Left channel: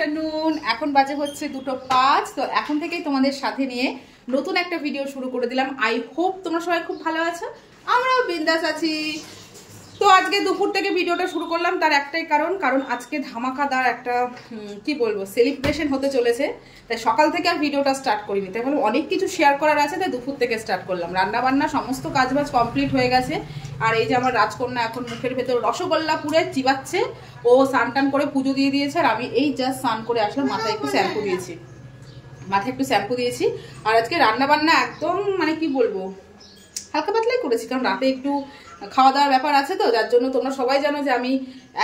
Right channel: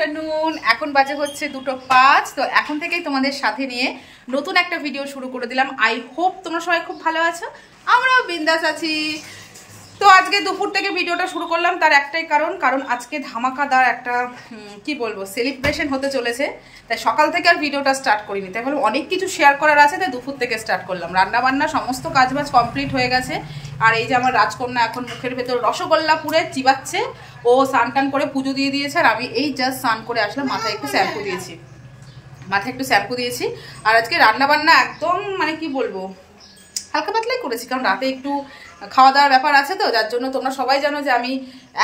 Afternoon. এখন বাজে হচ্ছে 2:05। তো এখন থেকেই তোমাদের সাথে নিয়ে নতুন একটা ভিডিও শুরু করে দিলাম। আই হোপ তোমরা সবাই খুব ভালো আছো, আমরাও বিন্দাস আছি। তো আজকে দুপুর থেকে ভিডিওটা শুরু করলাম, তার একটাই কারণ আজকে ধামাকাদার একটা কি বলবো সেলিব্রেশন হতে চলেছে। তাই সকাল থেকে আর ভিডিওটা স্টার্ট করিনি, তাই ভাবলাম অনেক কিছু শেয়ার করার আছে, তাই দুপুর থেকে স্টার্ট করলাম। রান্না বান্না সমস্ত কাজবাজ কমপ্লিট হয়ে গেছে। আর এই যে আমার রাজকন্যা এখন মুখের ভেতর রসগোল্লা পুরে চিবাচ্ছে। ও স্নান টান করে পুজো দিয়ে দিয়েছে, আর আমি এই জাস্ট স্নান করে আসলাম, মাথায় একটু শ্যাম্পু দিয়েছি। আর আজকে রান্না বান্না একদম মানে কি বলবো হালকা পাতলাই করেছি, কারণ রাতে একটু খাওয়া দাওয়ার ব্যাপার আছে, তো যার জন্য তোমরা সবাই জানো যে আমি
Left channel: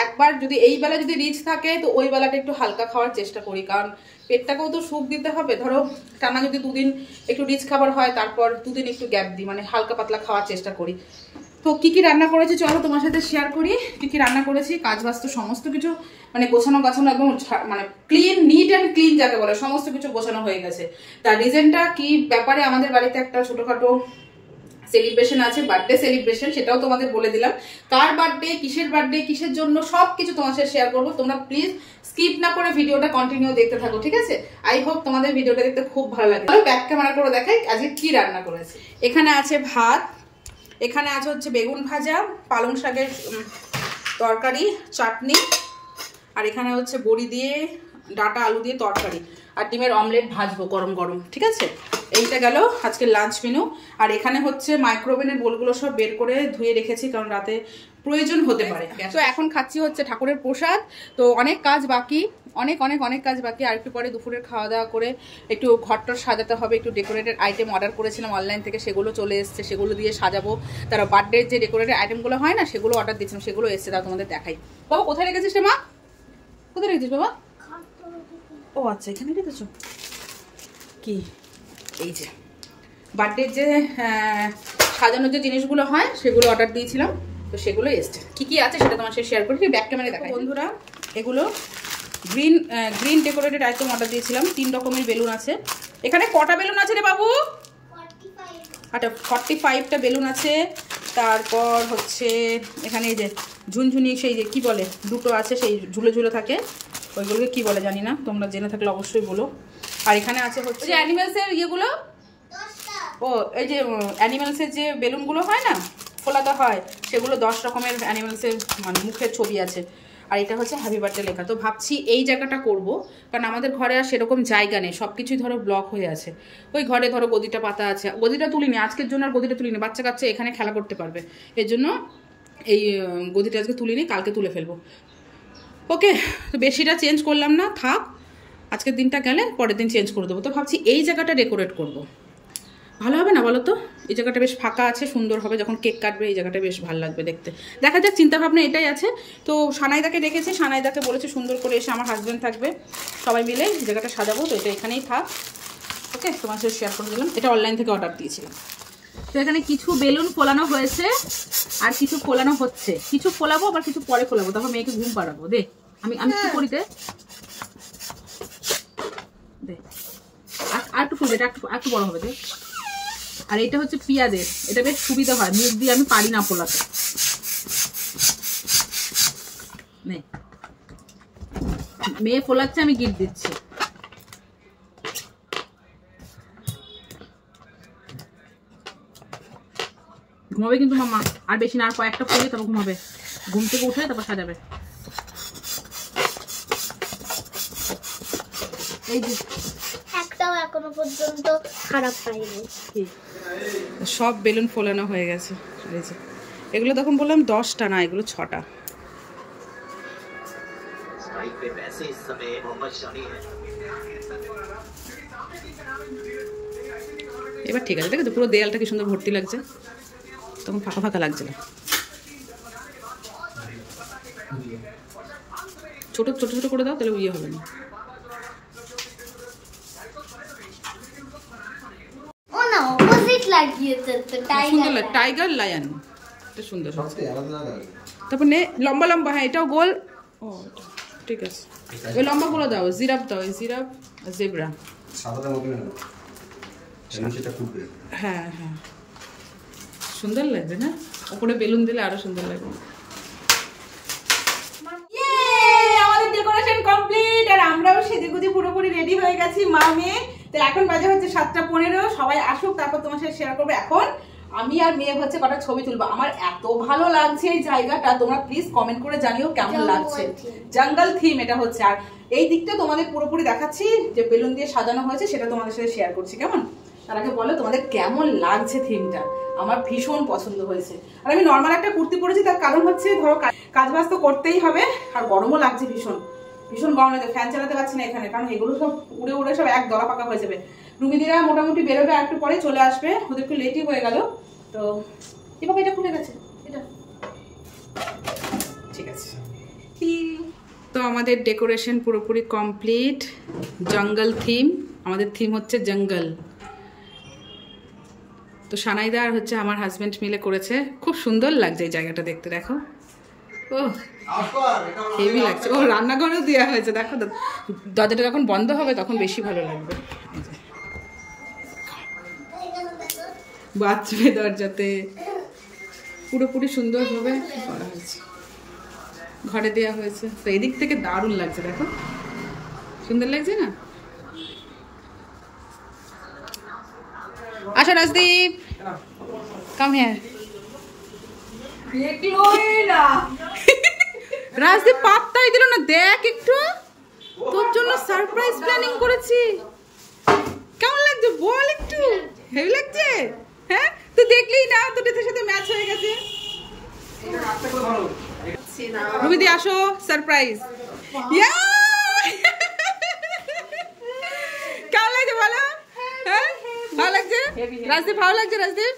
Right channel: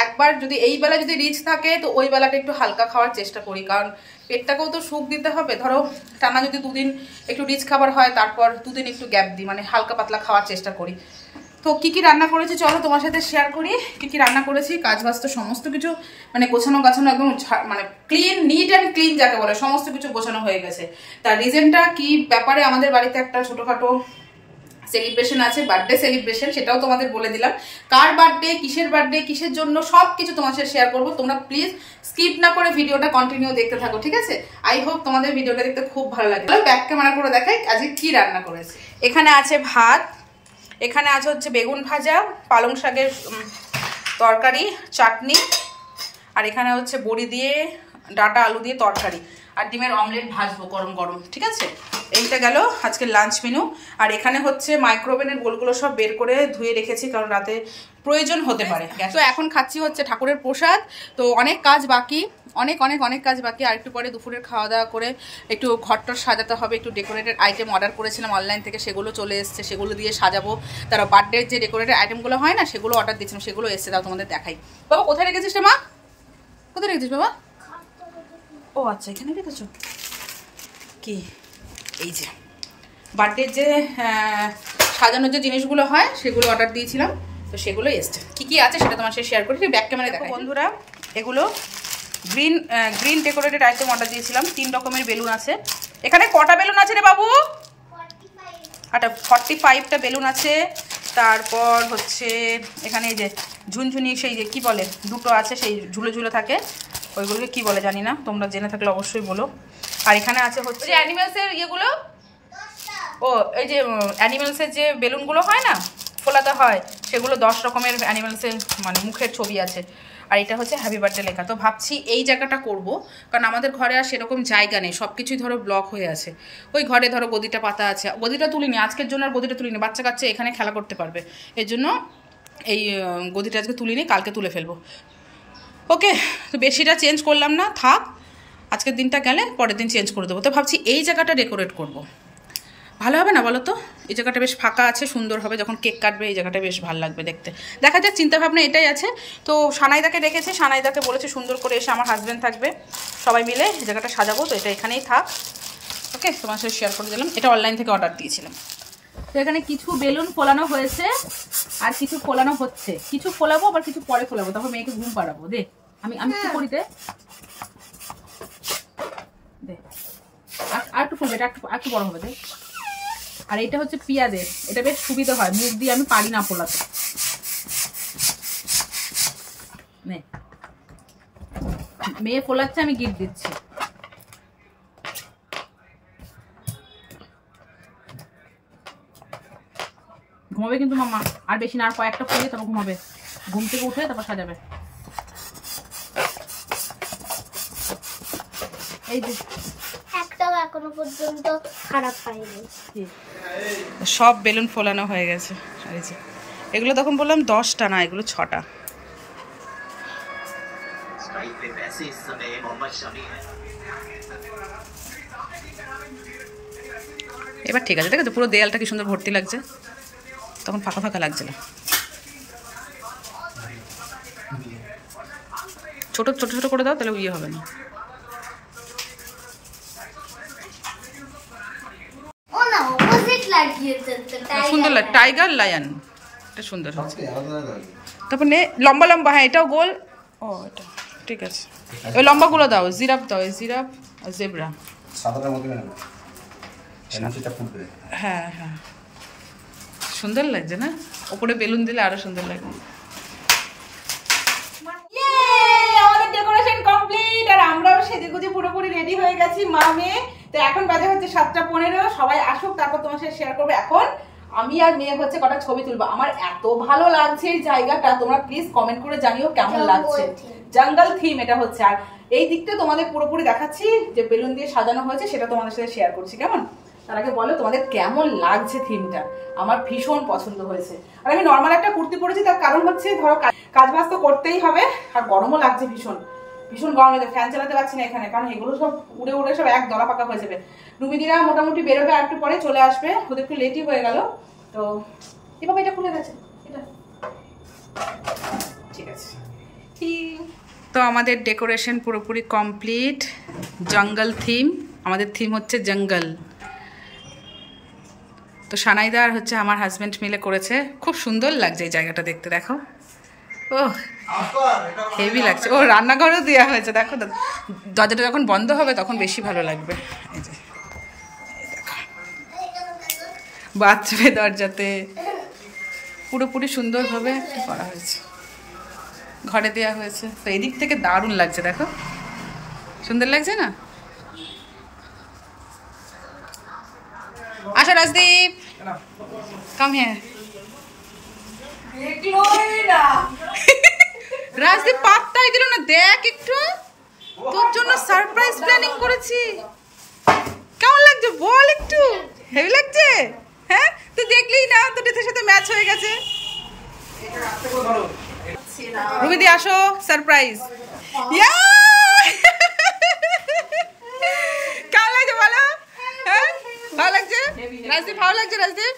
একবার যদি এই বেলা যদি রিচ থাকে তো ওই বেলাটা একটু হালকা খাওয়ার চেষ্টা করি, কারণ পেটটাকেও তো সুখ দিতে হবে। ধরো টানা যদি দুদিন একটু রিচ খাবার হয়, তারপর দুদিন একটু গ্যাপ দিই, মানে হালকা পাতলা খাওয়ার চেষ্টা করি। তো কী কী রান্না করেছি চলো তোমার সাথে শেয়ার করি। কী কী রান্না করেছি, কাজ বাজ তো সমস্ত কিছু মানে গোছানো গাছানো একদম মানে ক্লিন, নিট অ্যান্ড ক্লিন যাকে বলে, সমস্ত কিছু গোছানো হয়ে গেছে। তার রিজনটা কি ব্যাপারে, আমাদের বাড়িতে একটা ছোটোখাটো সেলিব্রেশন আছে, বার্থডে সেলিব্রেশন, সেটাও তোমাদের বলে দিলাম। কার বার্থডে, কিসের জন্য, সব কিছু তোমার সাথে শেয়ার করবো। তোমরা প্লিজ স্কিপ না করে ভিডিওটা কন্টিনিউ দেখতে থাকো, ঠিক আছে? আই হোপ তোমাদের ভিডিওটা দেখতে খুব ভালো লাগে। ব্যাক ক্যামেরা করে দেখাই আজকে কি রান্না করেছি। এখানে আছে ভাত, এখানে আছে হচ্ছে বেগুন ভাজা, পালং শাকের তরকারি, চাটনি, আর এখানে হচ্ছে বড়ি দিয়ে ডাটা আলু দিয়ে তরকারি, আর ডিমের অমলেট ভাজবো গরম গরম, ঠিক আছে? এইটা গেল আজকে লাঞ্চ মেনু। আর এখানে হচ্ছে মাইক্রোওভেনের বোলগুলো সব বের করে ধুয়ে রেখেছি, কারণ রাতে প্রয়োজন হতে পারে। তো এখন খাচ্ছি হচ্ছে ঠাকুরের প্রসাদ। তো অনেক কাজ বাকি, অনেক কাজ বাকি। আর একটু পরে দুপুরের খাওয়া দাওয়া করে একটু ঘরটর সাজাতে হবে। একটু ডেকোরেটেড আইটেম অর্ডার করেছিলাম অনলাইন থেকে, সেগুলো চলে এসছে, সেগুলো দিয়ে সাজাবো। তারা বার্থডের যে ডেকোরেটেড আইটেমগুলো হয় না, সেগুলো অর্ডার দিয়েছিলাম, সেগুলো এসছে। তাও তোমাদের দেখাই। বাবা কোথায় রেখেছিস রে মা? কোথায় রেখেছিস বাবা? ও আচ্ছা, এখানে রেখেছো। কি এই যে বার্থডের যে সাজানোর যে জিনিসগুলো হয় সেগুলো অর্ডার দিয়েছিলাম, তো সেগুলো এসছে। কী কী আছে সেটা তোমার সাথে শেয়ার করি, ব্যাক ক্যামেরায় দেখো বন্ধুরা। এগুলো গ্রিন ডেকোরেটেড আইটেম অর্ডার দিয়েছিলাম। 3 রকমের বেলুন আছে। এখানে কটা বেলুন আছে রে বাবু? 45টা বেলুন আছে। তারপর হচ্ছে এখানে এই যে ঝুনঝুনি, সেই যে কী বলে, দুটো আছে, সেই ঝুলে ঝুলে থাকে, ওইগুলোকে কী বলে জানি না, তোমরা জেনে থাকলে অবশ্যই বলো। আর এখানে আছে হচ্ছে অ্যানিমেলসের ইয়েগুলো, ও এই যে অ্যানিমেলসের যে বেলুনগুলো হয় না, ফোলাতে হয়, সেগুলো 10 রকমের অ্যানিমেলসের মানে মুখের ছবি আছে। আর এটা হচ্ছে হ্যাপি বার্থডে লেখা। তো ভাবছি এই জায়গাটা করব, কারণ আমাদের ঘরে আর সেরকম জায়গা নেই, সব কিছুই ধরো ব্লক হয়ে আছে। ওই ঘরে ধরো গদিটা পাতা আছে, গদিটা তুলিনি আজকের জন্য, আর গদিটা তুলিনি, বাচ্চা কাচ্চা এখানে খেলা করতে পারবে, এর জন্য এই গদিটা আজকে তুলিনি, কালকে তুলে ফেলবো। ওকে, তো বেশিটা চেঞ্জ করলাম না, থাক, আজকের দিনটা গেলে পরের দিন চেঞ্জ করে দেবো। তো ভাবছি এই জায়গাটা ডেকোরেট করব, ভালো হবে না বলো তো? এই জায়গাটা বেশ ফাঁকা আছে, সুন্দর হবে, যখন কেক কাটবে এই জায়গাটা বেশ ভালো লাগবে দেখতে। দেখা যাক, চিন্তাভাবনা এটাই আছে। তো সানাইদাকে ডেকেছে, সানাইদাকে বলেছে সুন্দর করে এসে, আমার হাজব্যান্ড থাকবে, সবাই মিলে এই জায়গাটা সাজাবো। তো এটা এখানেই থাক, ওকে? তোমার সাথে শেয়ার করে দিলাম, এটা অনলাইন থেকে অর্ডার দিয়েছিলাম। তো এখানে কিছু বেলুন ফোলানো হয়েছে, আর কিছু ফোলানো হচ্ছে, কিছু ফোলাবো আবার কিছু পরে ফোলাবো, তারপর মেয়েকে ঘুম পাড়াবো। দে আমি কি করি, দে আর একটু ফুলবে, এটা একটু বড় হবে, দে। আর এটা হচ্ছে পিয়াদের, এটা বেশ সুবিধা হয়, মুখ দিয়ে আমি পারি না ফোলাতে। মেয়ে ফোলাচ্ছে, আমি গিফট দিচ্ছি। ঘুমাবে কিন্তু মামা, আর বেশি না, আর কয়েকটা ফোলে তারপর ঘুমাবে, ঘুম থেকে উঠে তারপর সাজাবে। এই যে একটাও এখনো পর্যন্ত খারাপ পাইনি। সব বেলুন ফোলানো হয়ে গেছে। আর এই যে এগুলো তখন বললাম 10টা না, এগুলো 6টা। এবার ঠিক আছে, দেখো পুরো দেয়ালটা কি সুন্দর ভর্তি লাগছে, তখন ফাঁকা ফাঁকা লাগছিল। ছোট ছোট ছোট করে দাও, তাহলে ইয়ে হবে না। সুন্দর লাগে, টাইগার লায়ন, এটা সুন্দর হচ্ছে। তারপর নে লম্বা লম্বা, হ্যাঁ এটাও গোল। ও এটা ঠিক আছে, ওই লম্বাগুলো দাও, জিরাফ দাও, এই জিরাফ আর জেব্রা। হ্যাঁ হ্যাঁ, সুন্দর লাগছে না? ওপরে বেলুন দিলে আরো সুন্দর লাগবে। আমাদের ডেকোরেশন কমপ্লিট, আর আমরাও সেজেগুজি পুরোপুরি রেডি হয়ে গেছি মা মেয়ে। তো এখন বাজে হচ্ছে 7:15, সবাই আসুক তারপর তোমার সাথে শেয়ার করবো। এখন আমি আর মেয়ে হচ্ছে কটা ছবি তুলবো। আমার এত ভালো লাগছে এই জায়গাটা, তোমরা প্লিজ কমেন্ট করে জানিও কেমন লাগছে। জঙ্গল থিম এটা হচ্ছে। আর এই দিকটা তোমাদের পুরোপুরি দেখাচ্ছি, যে বেলুন দিয়ে সাজানো হয়েছে সেটা তোমাদের সাথে শেয়ার করছি। কেমন, তার আগে বলো তোমাদের কেমন লাগছে থিমটা। আমার ভীষণ পছন্দ হয়েছে। আর আমি নর্মাল একটা কুর্তি পরেছি, তার কারণ হচ্ছে ধরো কাজ বাজ তো করতেই হবে, আর গরমও লাগছে ভীষণ ভীষণ গরম লাগছে। ফ্যান চালাতে পারছি না এখানে, কারণ এগুলো সব উড়ে উড়ে সব এক দলা পাকা হয়ে যাবে। রুমিদিরা মোটামুটি বেরোবে, আর একটু পরে চলে আসবে, ওদের একটু লেটই হয়ে গেল। তো এভাবে এটা খুলে গেছে, এটা ঠিক আছে। তো আমাদের ডেকোরেশন পুরোপুরি কমপ্লিট। জঙ্গল থিম, আমাদের থিম হচ্ছে জঙ্গল। তো সানাইদা আর হচ্ছে আমার হাজব্যান্ড মিলে করেছে, খুব সুন্দর লাগছে এই জায়গাটা দেখতে। দেখো, ও হেভি লাগছে। ও রান্নাঘরেও দেওয়া হয়েছে, দেখো দরজাটা যখন বন্ধ হবে তখন বেশি ভালো লাগবে। এই যে দেখো, বাথরুমে দরজাতে পুরোপুরি সুন্দরভাবে করা হয়েছে, ঘরে দেওয়া হয়েছে। তো এদিক থেকে দারুণ লাগছে, দেখো সুন্দর লাগছে না? আচ্ছা রাজদীপ, কাম হিয়ার। রাজদীপ পাত্তাই দিল না, দেখ একটু, তোর জন্য সারপ্রাইজ প্ল্যানিং করেছি। কেমন লাগছে বল একটু? হেভি লাগছে? হ্যাঁ, তুই দেখলি না, তোর ড্রেসের সাথে ম্যাচ হয়ে গেছে। রুমিদি আসো, সারপ্রাইজ। কেমন লাগছে বলো? হ্যাঁ ভালো লাগছে রাজদীপ, ভালো লাগছে রাজদীপ?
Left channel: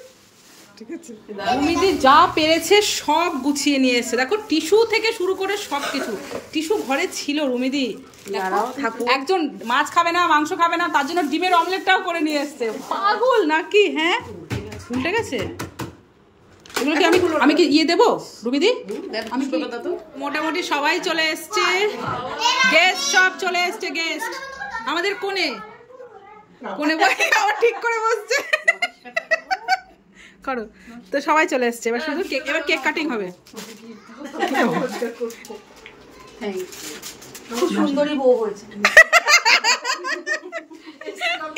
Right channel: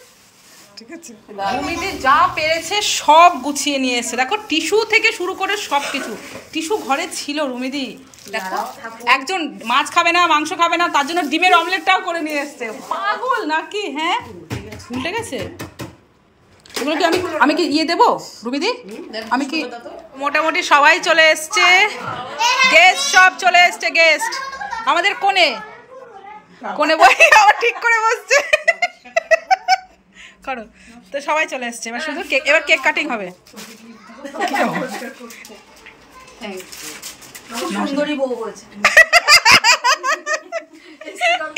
ঠিক আছে। রুমিদি যা পেরেছে সব গুছিয়ে নিয়ে এসছে। দেখো টিস্যু থেকে শুরু করে সব কিছু, টিস্যু ঘরে ছিল রুমিদি। দেখো একজন মাছ খাবে না, মাংস খাবে না, তার জন্য ডিমের অমলেটটাও করে নিয়ে এসছে। পাগল নাকি? হ্যাঁ উল্টে গেছে এগুলো। কি আমি কি ইয়ে দেবো রুমিদি? আমি কি মোটামুটি সবাই চলে এসছে, গেস্ট সব চলে এসছে। গেস্ট আমাদের কোণে কোণে বই আবার ঠিক করে বসছে করো। তো সবাই চলে এসছে, এবার শুধু কেক, এবার কেক কাটিং হবে।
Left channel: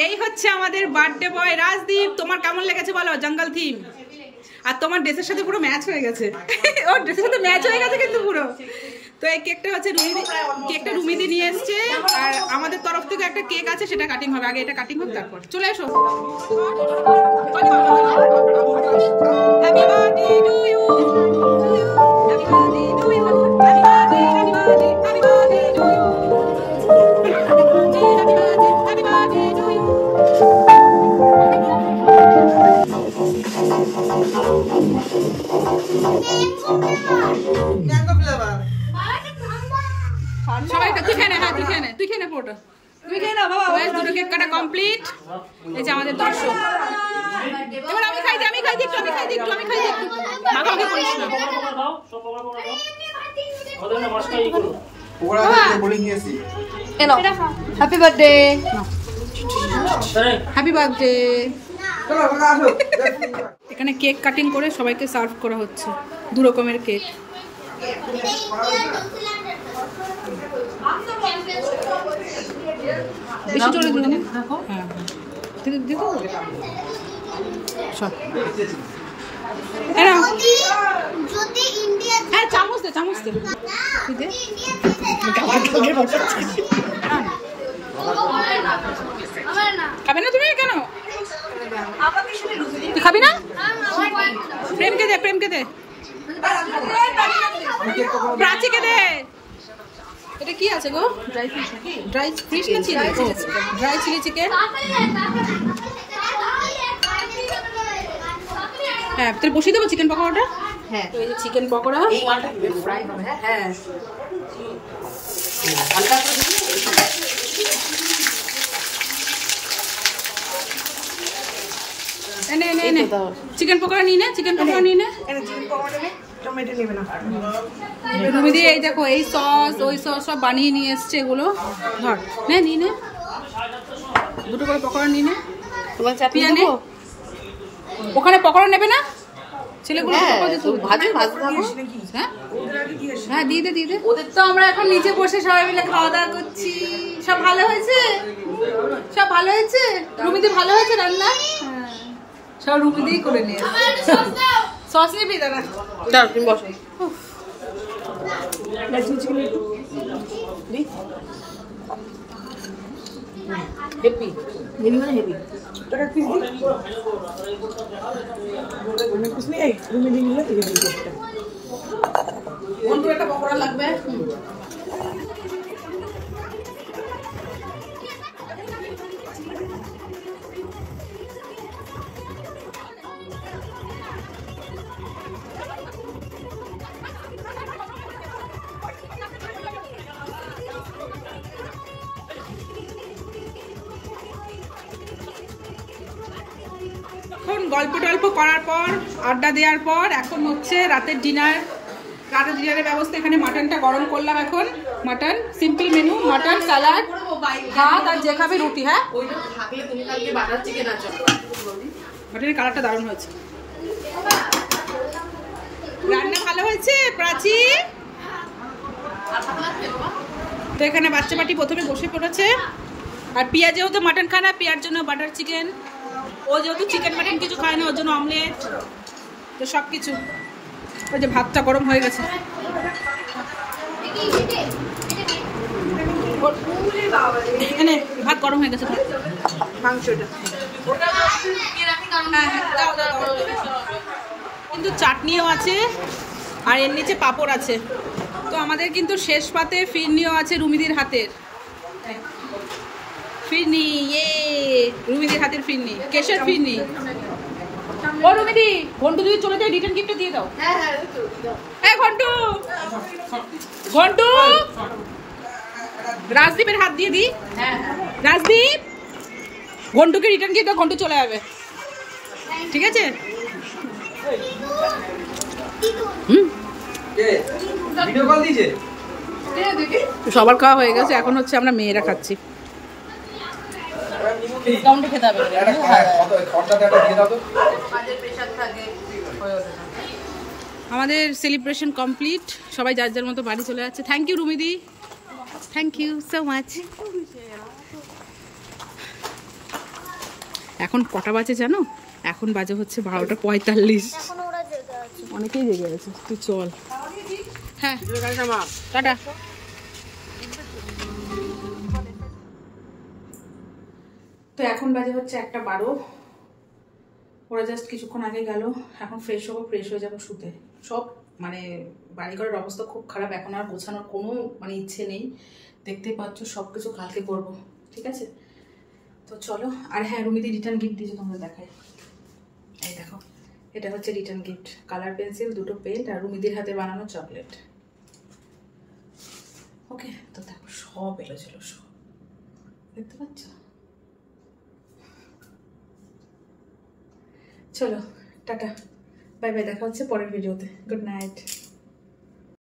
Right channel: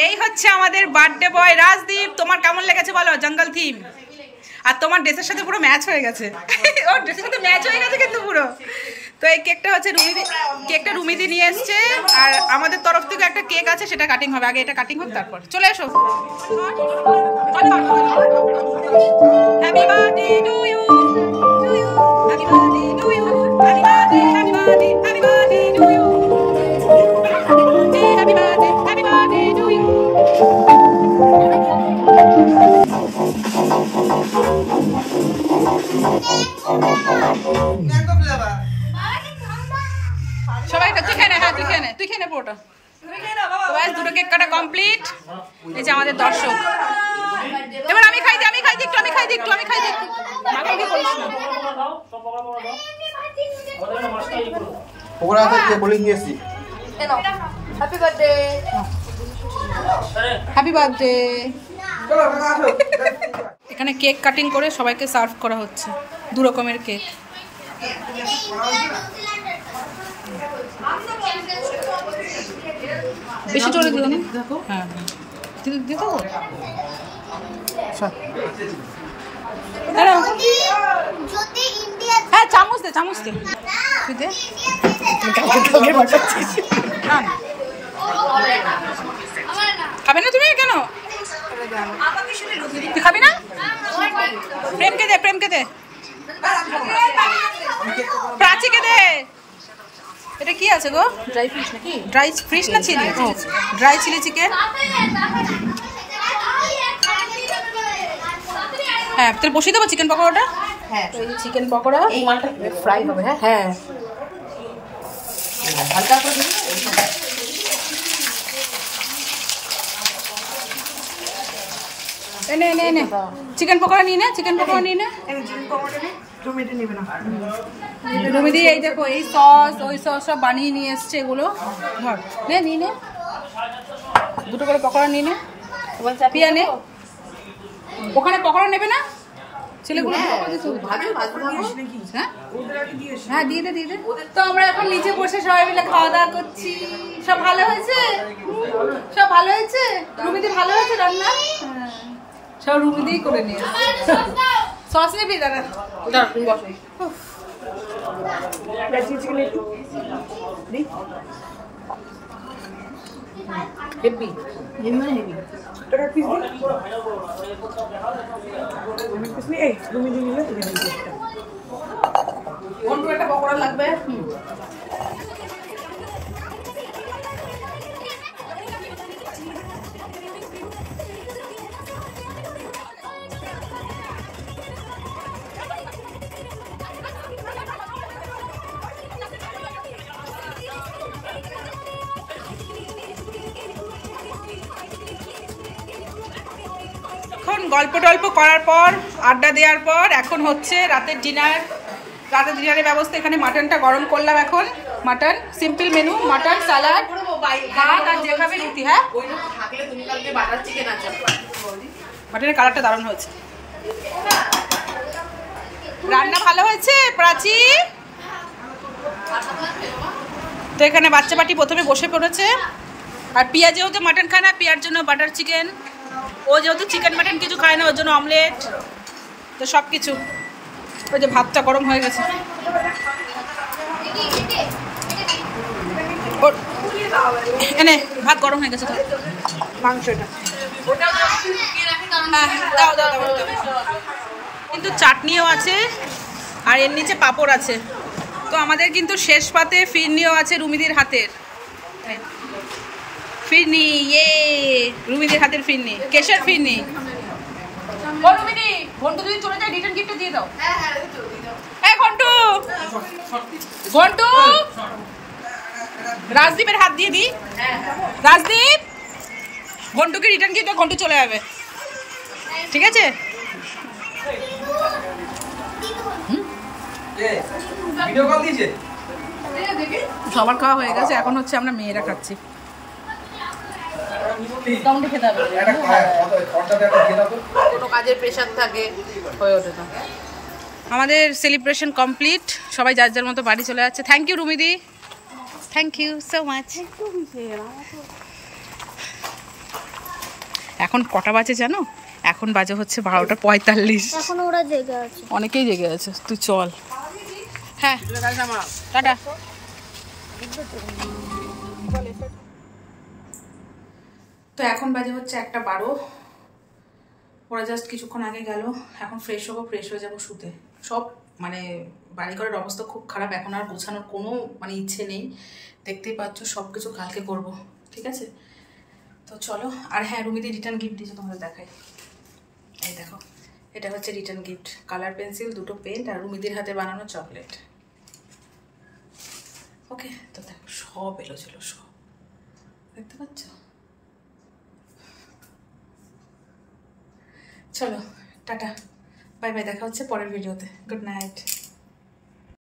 এই হচ্ছে আমাদের বার্থডে বয় রাজদীপ। তোমার কেমন লেগেছে বলো জঙ্গল থিম? আর তোমার ড্রেসের সাথে পুরো ম্যাচ হয়ে গেছে, ওর ড্রেসের সাথে ম্যাচ হয়ে গেছে কিন্তু পুরো। তো এই কেকটা হচ্ছে রুমিদি, কেকটা রুমিদি নিয়ে এসছে। আর আমাদের তরফ থেকে একটা কেক আছে, সেটা কাটিং হবে। আগে এটা কাটিং হোক, তারপর চলে এসো। Happy birthday to you, happy birthday to you, happy birthday, happy birthday, happy birthday to you, happy birthday, happy birthday to you. সবাই তুই খেয়ে নে, হ্যাঁ তুই খেয়ে নে, তুই খেয়ে নে পুরোটা। দুটো কেক কাটা কমপ্লিট। এই যে আমাদের দর্শক। এবার আমি খাই দিই, আমি খাই দিই একটু, আমি খাই দিই একটু, আমি খাই দিই একটু। মাখামাখি করিস না। Happy birthday, happy birthday. এখানে কেক কাটিং করে সবাইকে সার্ভ করা হচ্ছে, দু রকমের কেক। বেশি জোরে দিও না। হ্যাঁ হ্যাঁ দিয়ে দেবো। হ্যাঁ চামচ দে, চামচ দে, তুই দে। খাবে না তুমি? কেন তুই খাবি না? প্রেমকে দে, প্রেমকে দে, প্রাচীকে দে। এটা কি আছে গো? ড্রাই ফিশ না চিলি? ও ড্রাই চিলি চিকেন। হ্যাঁ তাহলে বসিয়ে দেবো চিকেন পকোড়াটা। হ্যাঁ তো এই যে চিকেন পকোড়া, এই মালটা ফ্রাই হবে। হ্যাঁ হ্যাঁ এনে এনে এনে চিকেন পকোড়া নিয়ে নে, চিকেন পকোড়া নিয়ে নে। রুমিদি এই দেখো, এই সস ওই সস সব বানিয়ে নিয়ে এসছে। এগুলো ধর, নে নিয়ে নে, দুটো করে পকোড়া নিয়ে নে। পিয়া নে, ওখানে পকোড়া নেবে না? ছেলেগুলো দিতে হবে। হ্যাঁ হ্যাঁ, দিয়ে দে। ওদের তো আমরা এখন নিচে বসে সবাই মিলে খাওয়া দাওয়া করছি। সব ভালো হয়েছে, সব ভালো হয়েছে। রুমিদি ভালো হয়েছে রান্না, সব রুমিদি করে নিয়ে সস নিবি। দাঁড়া তুমি বসো। হেভি হেভি মানে হেভি। একটা পকোড়া লাগবে। এখন গল্প টল্প করার পর, আড্ডা দেওয়ার পর এখন হচ্ছে রাতের ডিনার। রাতের ডিনারের ব্যবস্থা এখানে মাটনটা গরম করলাম। এখন mutton simple menu, mutton salad ভাত আর যে খাবে রুটি। হ্যাঁ, মাটনের কালারটা দারুণ হয়েছে, রান্না ভালো হয়েছে প্রাচী। তো এখানে বাচ্চা পাটি প্রথমে বসে পড়েছে। আর পিয়া যেহেতু মাটন খায় না, পিয়ার জন্য বাটার চিকেন। ও যেহেতু চিকেন মাটন কিছু খায় না, ওর জন্য অমলেট। তো সব কিছু। ওই যে ভাতটা গরম হয়ে গেছে। এনে ভাত গরম হয়ে গেছে, মাংসটা দাও। কিন্তু চাটনিও আছে আর এর নিচে পাঁপড় আছে। তো আমাদের কিন্তু শেষ পাতে ফিরনিও আছে রুমিদির হাতের। ফিরনি, রুমিদির হাতের ফিরনি, কেশের ফিরনি। ও রুমিদি, ঘন্টু যদি চলে যায় রিটার্ন গিফটটা দিয়ে দাও। হ্যাঁ ঘন্টু রাজদীপের হাত দিয়ে দি। রাজদীপ, ঘন্টুকে রিটার্ন গিফট, ঘন্টু চলে যাবে, ঠিক আছে? সবার খাওয়া হয়ে গেছে, এখন হচ্ছে আমরা মেয়েরা খাচ্ছি। আমাদের সেলিব্রেশন কমপ্লিট, সবাই যার যার মতো বাড়ি চলে যাচ্ছে। থ্যাংক ইউ রুমিদি, থ্যাংক ইউ সো মাচ। এখন কটা বাজে জানো? এখন বাজে হচ্ছে 12:45। অনেকেই জেগে আছে। তুই চল। হ্যাঁ টাটা। তো এখন বাজে হচ্ছে 1:12। ওরা জাস্ট কিছুক্ষণ আগে গেল। এখন ফ্রেশ হবো, ফ্রেশ হয়ে যাবো শুতে। সব মানে বাড়িঘরের অবস্থা খুব খারাপ, এখন আর গোছানোর কোনো মানে ইচ্ছে নেই। দেখতেই পাচ্ছ, সব কিছু কালকে করব, ঠিক আছে? তো চলো। আর হ্যাঁ, রুমিদি রিটার্ন গিফট দিয়েছে, তোমাদের দেখাই। এই দেখো, এটা হচ্ছে রিটার্ন গিফট। কালার পেন্সিল, 2টো পেন্ট আর রুমিদির হাতে বানানো চকলেট। ওকে, তো দেখো সব এলো ছিল, সব দেখতে পাচ্ছ। চলো টাটা, বাই বাই, দেখা হচ্ছে পরের ভিডিওতে। Good night.